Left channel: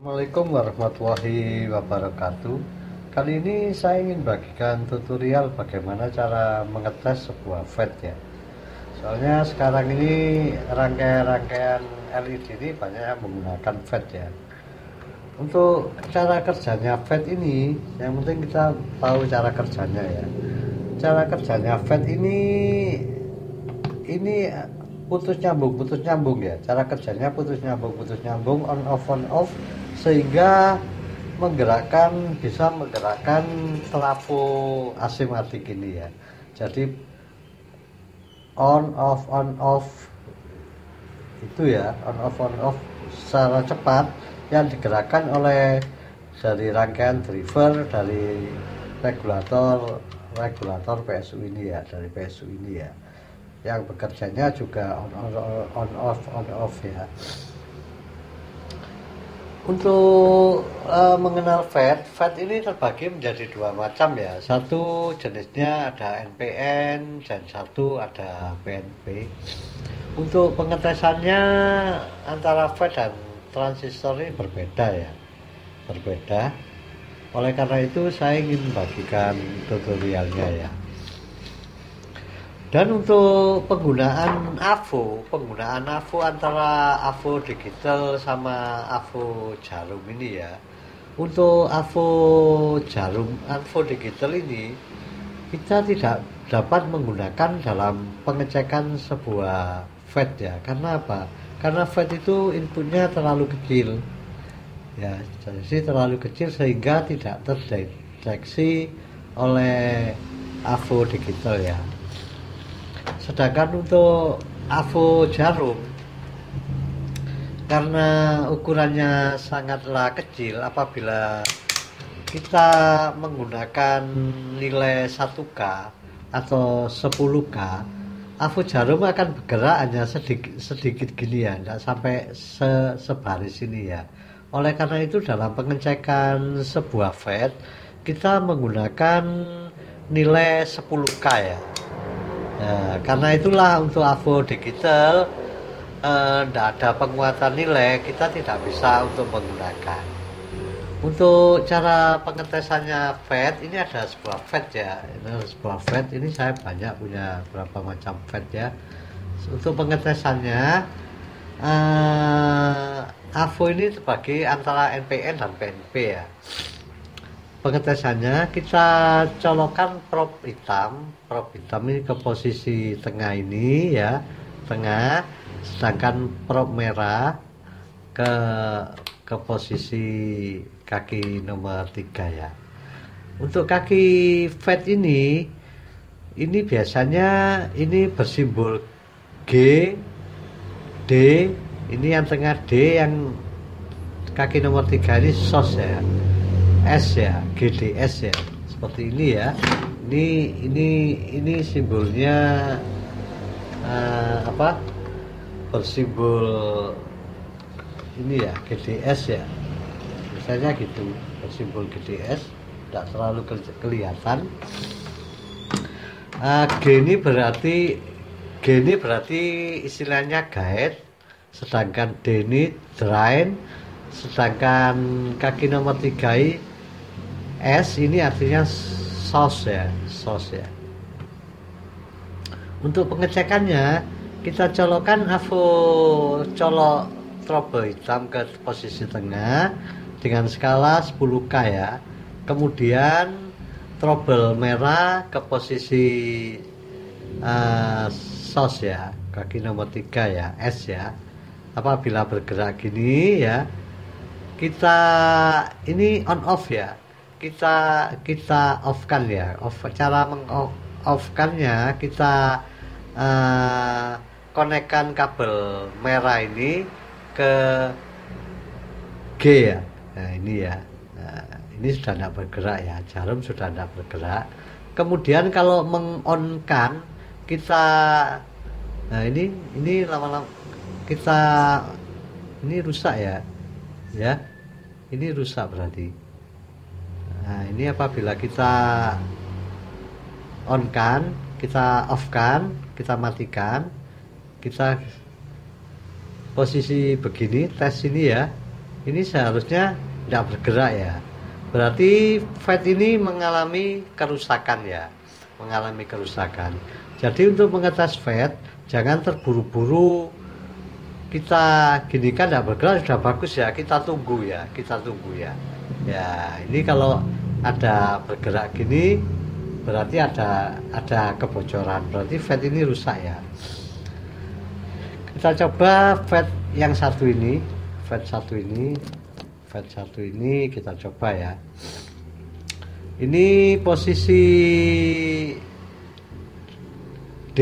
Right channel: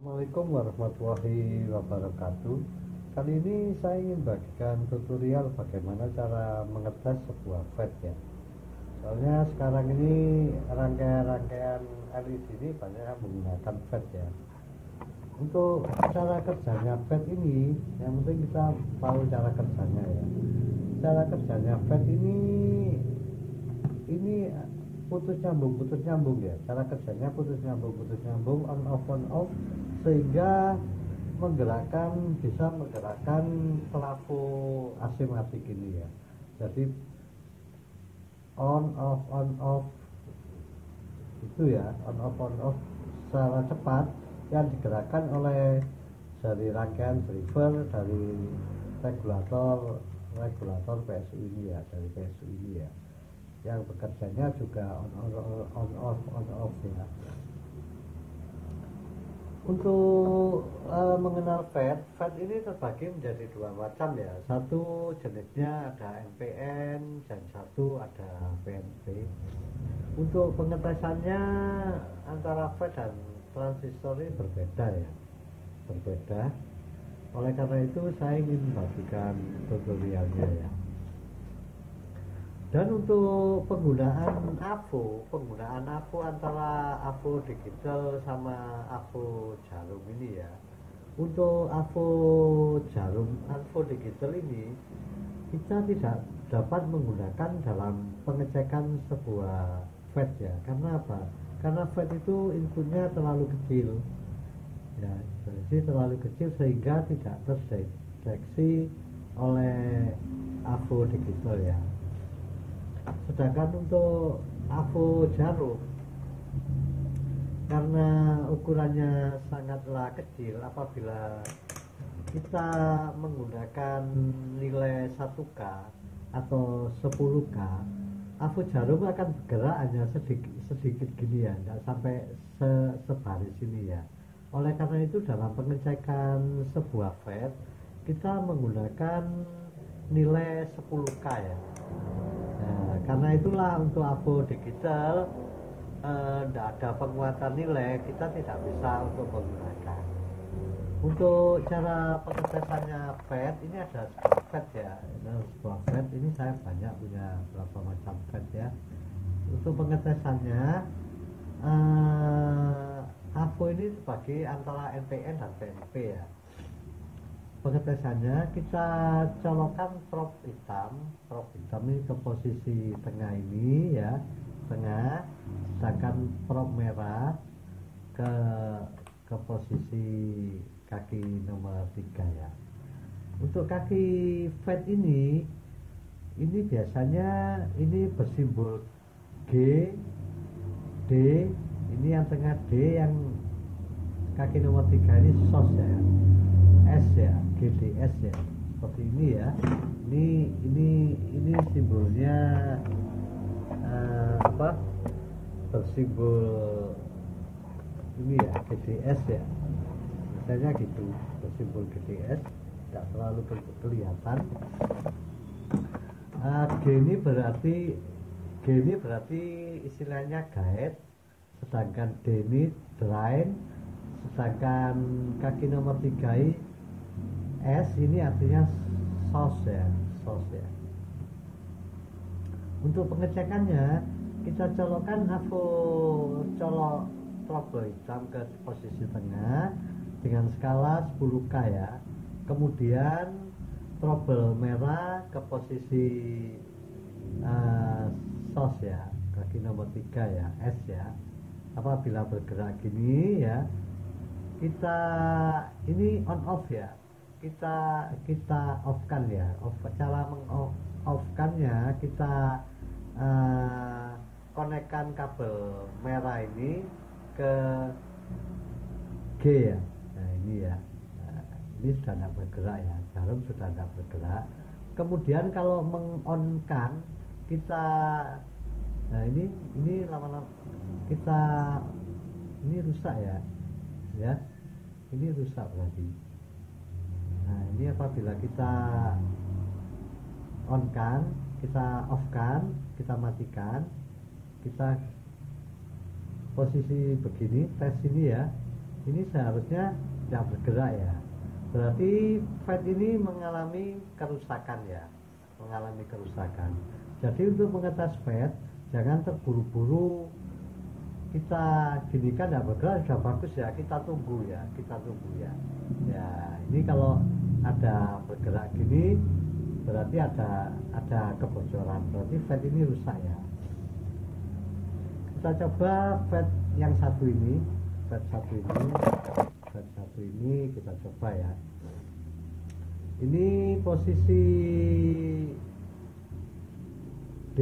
Assalamualaikum warahmatullahi wabarakatuh. Kali ini saya ingin bagikan tutorial bagaimana cara mengetes sebuah FET ya. Soalnya sekarang ini rangkaian-rangkaian LED ini banyak yang menggunakan FET ya. Untuk cara kerjanya FET ini, yang penting kita tahu cara kerjanya ya. Cara kerjanya FET ini putus nyambung ya. Cara kerjanya putus nyambung, on off, sehingga bisa menggerakkan trafo asimatik ini ya. Jadi on off itu ya, on off secara cepat yang digerakkan oleh dari rangkaian driver dari regulator PSU ini ya, dari PSU ini ya, yang bekerjanya juga on off ya. Untuk mengenal FET ini terbagi menjadi dua macam ya. Satu jenisnya ada NPN dan satu ada PNP. Untuk pengetesannya antara FET dan transistor ini berbeda ya, berbeda. Oleh karena itu saya ingin bagikan tutorialnya ya. Dan untuk penggunaan AVO antara AVO digital sama AVO jarum ini ya. Untuk AVO digital ini kita tidak dapat menggunakan dalam pengecekan sebuah FET ya. Karena apa? Karena FET itu inputnya terlalu kecil ya, jadi terlalu kecil sehingga tidak terdeteksi oleh AVO digital ya. Sedangkan untuk AVO jarum, karena ukurannya sangatlah kecil, apabila kita menggunakan nilai 1K atau 10K, AVO jarum akan bergerak hanya sedikit gini ya, tidak sampai sebaris ini ya. Oleh karena itu dalam pengecekan sebuah FET kita menggunakan nilai 10K ya. Nah, karena itulah untuk AVO digital tidak ada penguatan nilai, kita tidak bisa untuk menggunakan. Untuk cara pengetesannya FET, ini ada sebuah FET ya. Ini sebuah FET, ini saya banyak punya berapa macam FET ya. Untuk pengetesannya AVO ini terbagi antara NPN dan PNP ya. Pengetesannya kita colokkan probe hitam ini ke posisi tengah ini ya, tengah, sedangkan probe merah ke posisi kaki nomor 3 ya. Untuk kaki FET ini biasanya ini bersimbol G, D, ini yang tengah D, yang kaki nomor 3 ini SOS ya, S ya, GDS ya, seperti ini ya. Ini simbolnya bersimbol ini ya, GDS ya, misalnya gitu, bersimbol GDS, tidak terlalu kelihatan. G ini berarti istilahnya guide, sedangkan D ini drain, sedangkan kaki nomor 3 S ini artinya source ya. Untuk pengecekannya kita colok trouble hitam ke posisi tengah dengan skala 10K ya. Kemudian trouble merah ke posisi source ya, kaki nomor 3 ya, S ya. Apabila bergerak gini ya, kita ini on off ya, kita off kan ya. Cara off-kannya kita konekkan kabel merah ini ke G ya. Nah ini ya, ini sudah tidak bergerak ya, jarum sudah tidak bergerak. Kemudian kalau mengonkan kita, nah ini lama-lama kita, ini rusak ya, ini rusak berarti. Nah ini apabila kita on kan, kita off kan, kita matikan, kita posisi begini, tes ini ya, ini seharusnya tidak bergerak ya. Berarti FET ini mengalami kerusakan ya, mengalami kerusakan. Jadi untuk mengetes FET jangan terburu-buru kita gini kan tidak bergerak sudah bagus ya, kita tunggu ya, ya ini kalau ada bergerak gini berarti ada kebocoran, berarti FET ini rusak ya. Kita coba FET yang satu ini, FET satu ini kita coba ya. Ini posisi D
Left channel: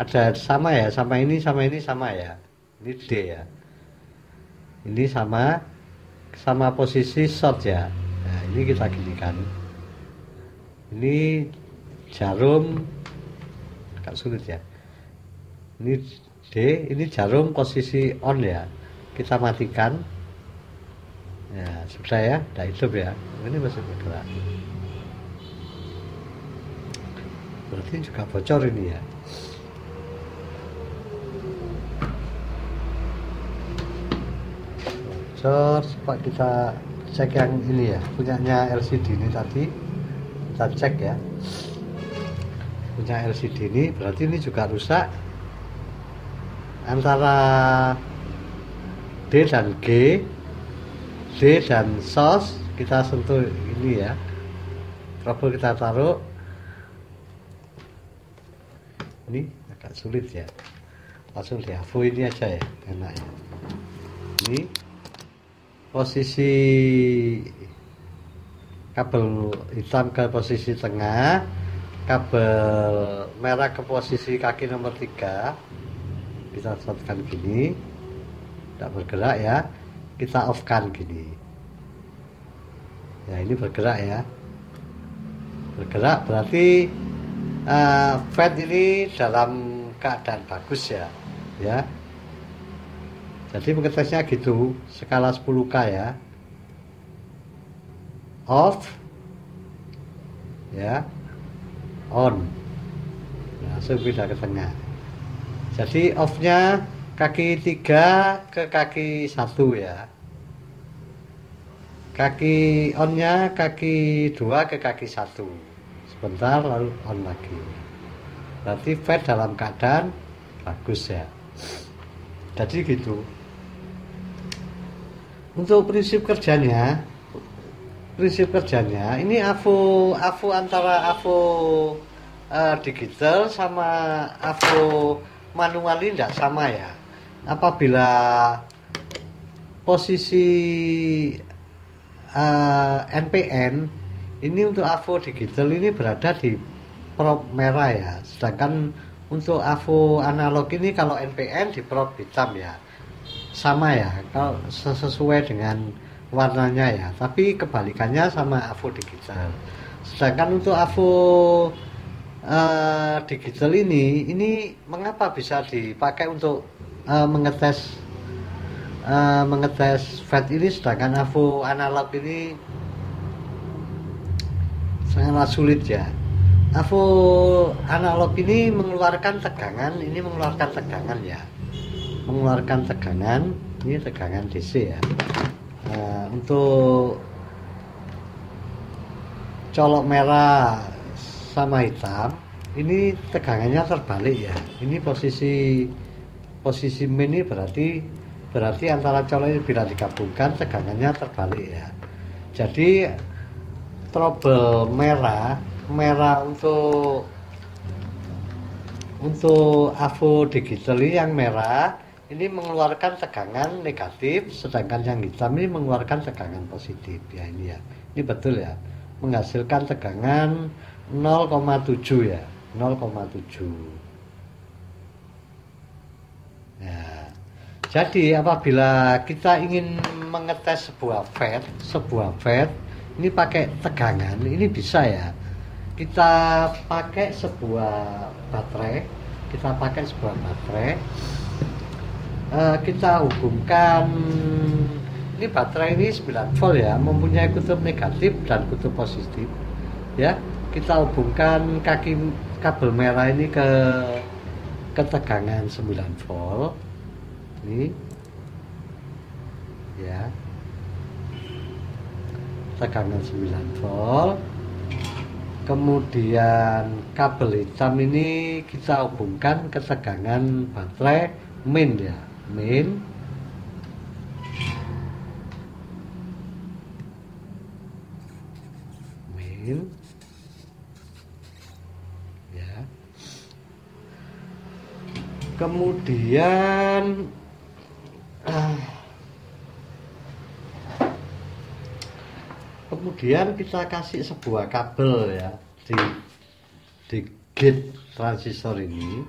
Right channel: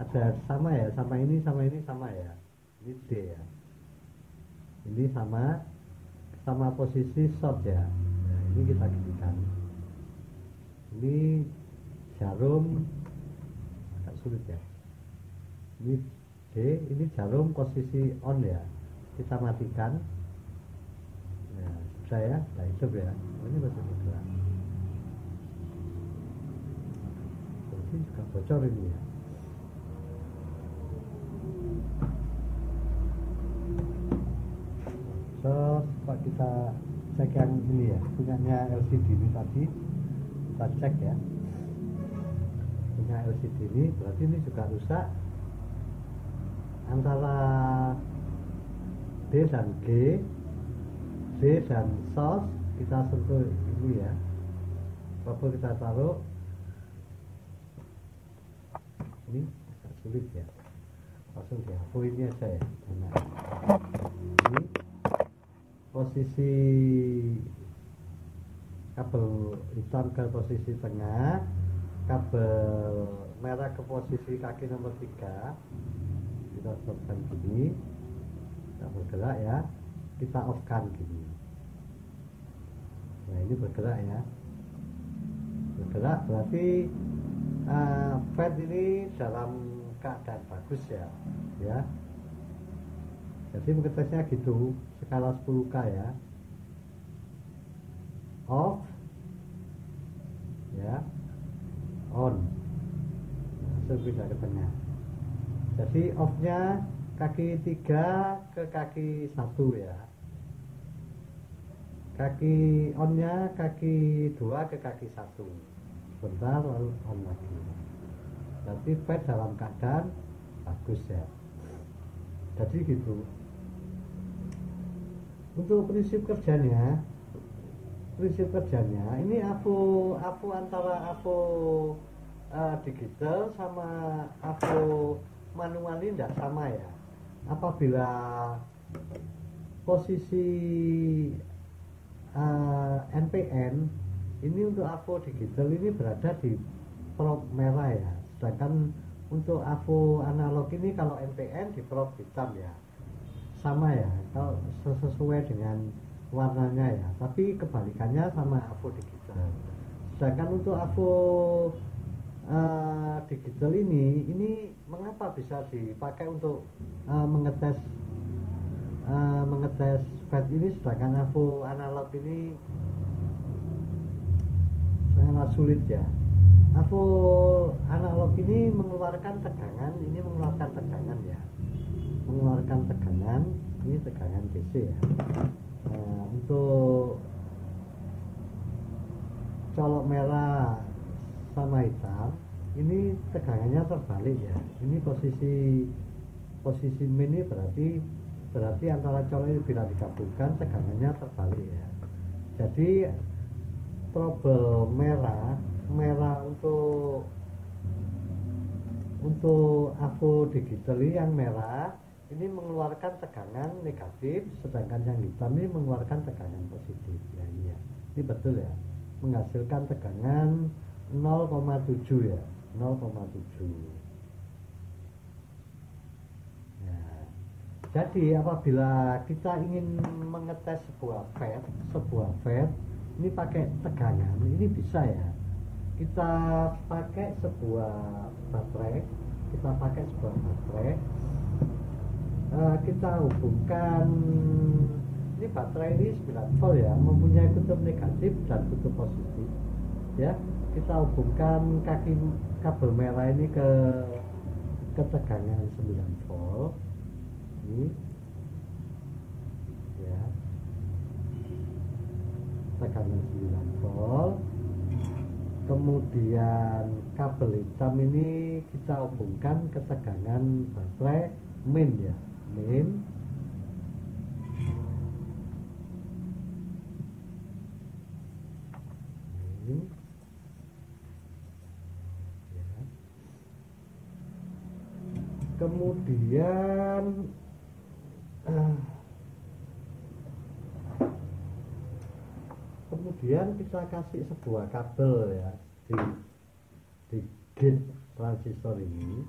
ada sama ya, sama ini sama ya. Ini D ya. Ini sama posisi short ya. Nah, ini kita ginikan. Ini jarum agak sulit ya. Ini D, ini jarum posisi on ya. Kita matikan. Ya, sudah ya, udah hidup ya. Ini masih bergerak. Berarti juga bocor ini ya. Coba kita cek yang ini ya, punyanya LCD ini tadi kita cek ya, punya LCD ini berarti ini juga rusak antara D dan G, D dan SOS. Kita sentuh ini ya, trouble kita taruh ini agak sulit ya, langsung di AVO ini aja ya, enak ya. Ini posisi kabel hitam ke posisi tengah, kabel merah ke posisi kaki nomor 3. Kita shortkan gini, tidak bergerak ya, kita off kan gini ya, ini bergerak ya, bergerak berarti FET ini dalam keadaan bagus ya, ya. Jadi mengetesnya gitu, skala 10K ya. Off ya, on. Langsung pindah ke tengah. Jadi off-nya kaki 3 ke kaki 1 ya. Kaki on-nya kaki 2 ke kaki 1. Sebentar lalu on lagi. Berarti FET dalam keadaan bagus ya. Jadi gitu. Untuk prinsip kerjanya ini AVO antara AVO digital sama AVO manual ini tidak sama ya. Apabila posisi NPN ini untuk AVO digital ini berada di prop merah ya, sedangkan untuk AVO analog ini kalau NPN di prop hitam ya, sama ya, kalau sesuai dengan warnanya ya, tapi kebalikannya sama AVO digital. Sedangkan untuk AVO digital ini mengapa bisa dipakai untuk mengetes FET ini, sedangkan AVO analog ini sangatlah sulit ya. AVO analog ini mengeluarkan tegangan, ini mengeluarkan tegangan ya, mengeluarkan tegangan, ini tegangan DC ya. Untuk colok merah sama hitam ini tegangannya terbalik ya. Ini posisi min ini berarti antara colok ini bila digabungkan tegangannya terbalik ya. Jadi trouble merah untuk AVO digital ini yang merah ini mengeluarkan tegangan negatif, sedangkan yang hitam ini mengeluarkan tegangan positif ya. Ini ya, ini betul ya, menghasilkan tegangan 0,7 ya, 0,7 ya. Jadi apabila kita ingin mengetes sebuah FET ini pakai tegangan, ini bisa ya. Kita pakai sebuah baterai, kita hubungkan, ini baterai ini 9 volt ya, mempunyai kutub negatif dan kutub positif ya. Kita hubungkan kaki kabel merah ini ke tegangan 9 volt ini ya. tegangan 9 volt. Kemudian kabel hitam ini kita hubungkan ke tegangan baterai main ya, main. Ya. Kemudian kita kasih sebuah kabel ya di gate transistor ini.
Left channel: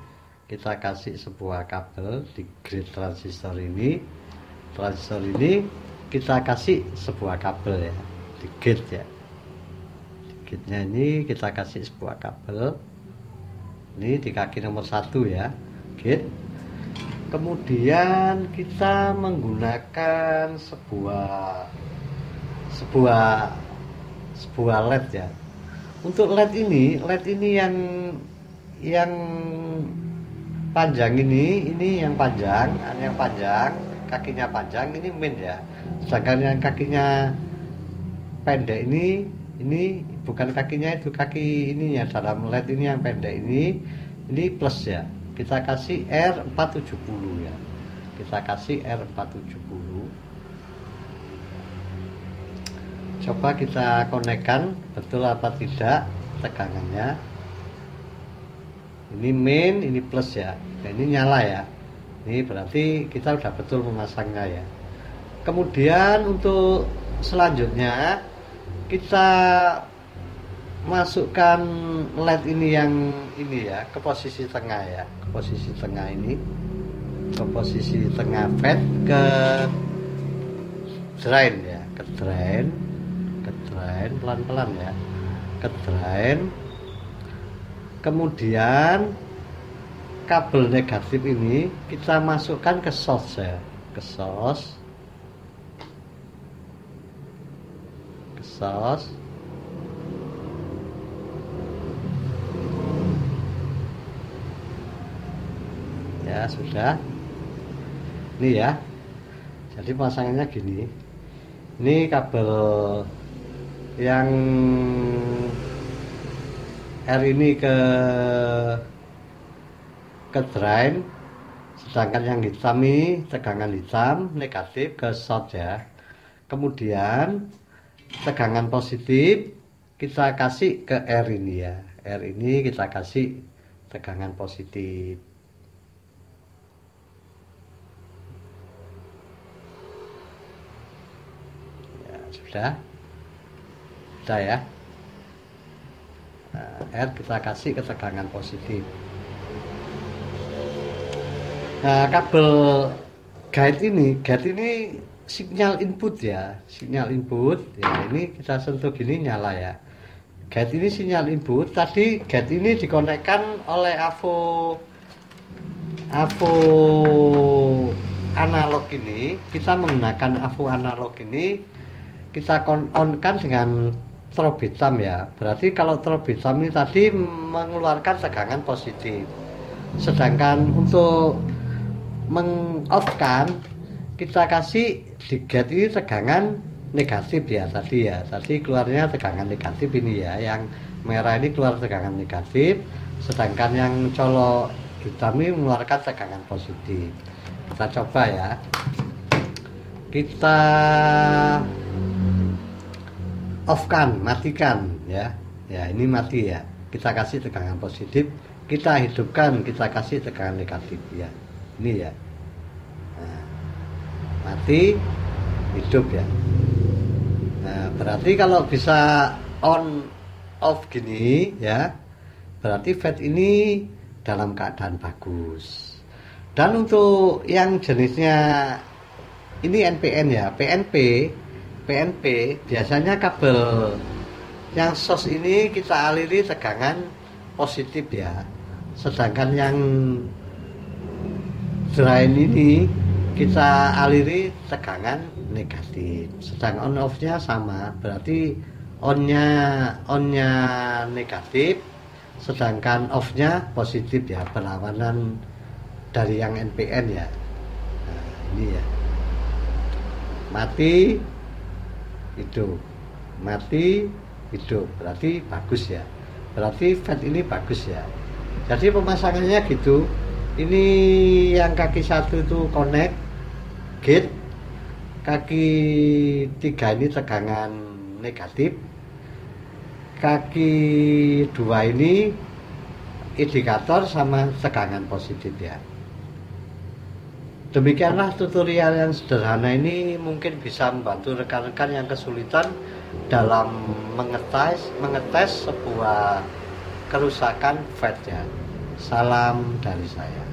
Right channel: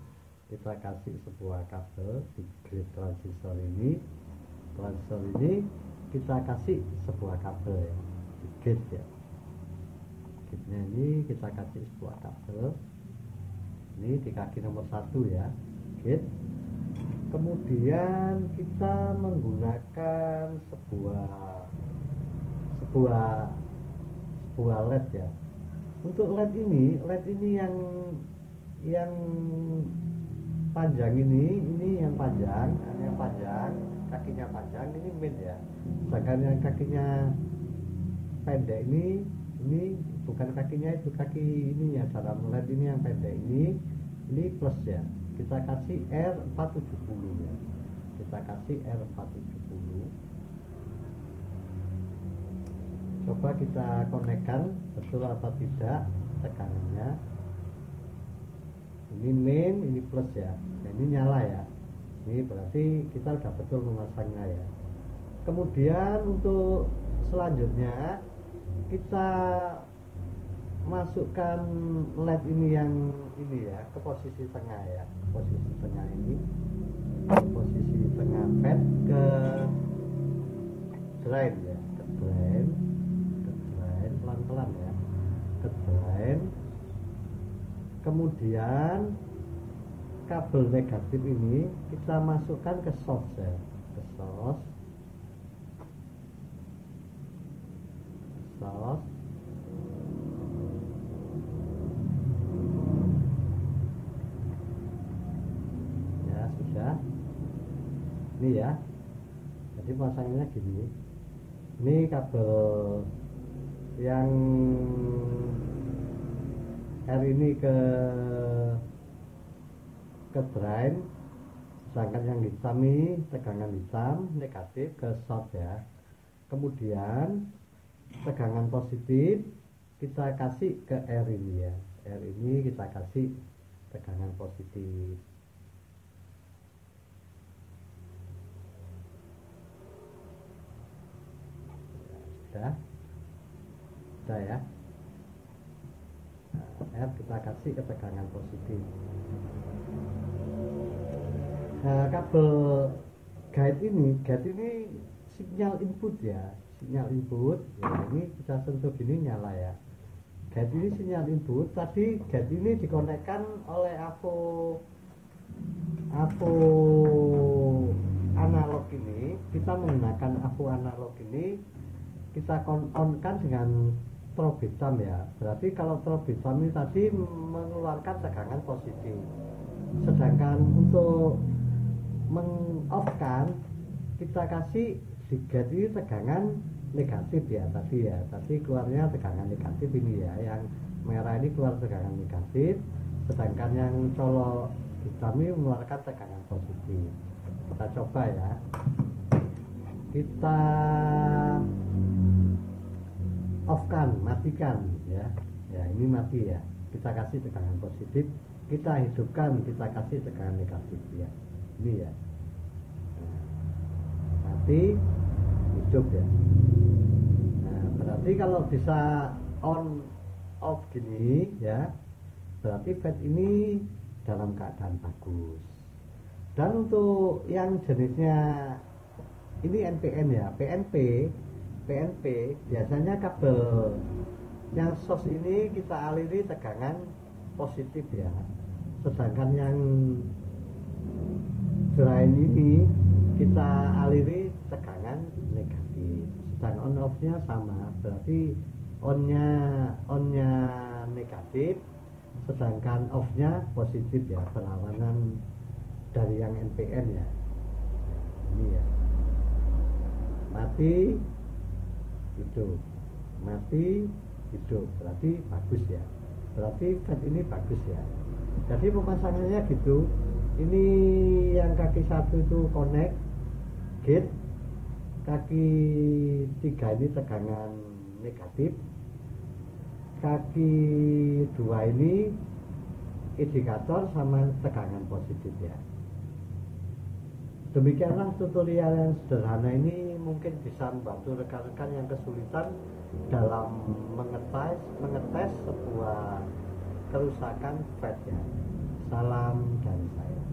Kita kasih sebuah kabel di gate transistor ini. Transistor ini kita kasih sebuah kabel ya di gate ya. Di gate-nya ini kita kasih sebuah kabel. Ini di kaki nomor 1 ya, gate. Kemudian kita menggunakan sebuah LED ya. Untuk LED ini yang panjang ini yang panjang, kakinya panjang ini main ya. Sedangkan yang kakinya pendek ini bukan kakinya, itu kaki ini ya, dalam LED ini yang pendek ini plus ya. Kita kasih R470 ya. Kita kasih R470. Coba kita konekkan betul apa tidak tegangannya. Ini main, ini plus ya. Nah, ini nyala ya. Ini berarti kita udah betul memasangnya ya. Kemudian untuk selanjutnya kita masukkan LED ini yang ini ya ke posisi tengah ya, ke posisi tengah ini, ke posisi tengah fed ke drain ya, ke drain pelan-pelan ya, ke drain. Kemudian kabel negatif ini kita masukkan ke source ya, ke source. Ya sudah, ini ya. Jadi pasangannya gini. Ini kabel yang R ini ke drain, sedangkan yang hitam ini tegangan hitam negatif ke short ya. Kemudian tegangan positif kita kasih ke R ini ya. R ini kita kasih tegangan positif. Ya, sudah ya. Nah, R kita kasih ke tegangan positif. Nah, kabel gate ini sinyal input ya, sinyal input ya. Ini kita sentuh gini nyala ya. Gate ini sinyal input. Tadi gate ini dikonekkan oleh AVO analog ini. Kita menggunakan AVO analog ini, kita on-kan dengan strobe hitam ya. Berarti kalau strobe hitam ini tadi mengeluarkan tegangan positif. Sedangkan untuk meng-off-kan kita kasih di gate ini tegangan negatif ya tadi ya. Tadi keluarnya tegangan negatif ini ya. Yang merah ini keluar tegangan negatif, sedangkan yang colok hitam ini mengeluarkan tegangan positif. Kita coba ya. Kita off-kan, matikan ya. Ya, ini mati ya. Kita kasih tegangan positif, kita hidupkan, kita kasih tegangan negatif ya. Ini ya. Nah, mati, hidup ya. Nah, berarti kalau bisa on off gini ya, berarti fed ini dalam keadaan bagus. Dan untuk yang jenisnya ini NPN ya, PNP biasanya kabel yang source ini kita aliri tegangan positif ya. Sedangkan yang drain ini kita aliri tegangan negatif. Sedang on off-nya sama, berarti on-nya negatif, sedangkan off-nya positif ya, berlawanan dari yang NPN ya. Nah, ini ya. Mati, hidup. mati hidup, berarti bagus ya, berarti fat ini bagus ya. Jadi pemasangannya gitu. Ini yang kaki 1 itu connect gate, kaki 3 ini tegangan negatif, kaki 2 ini indikator sama tegangan positif ya. Demikianlah tutorial yang sederhana ini, mungkin bisa membantu rekan-rekan yang kesulitan dalam mengetes sebuah kerusakan fat ya. Salam dari saya.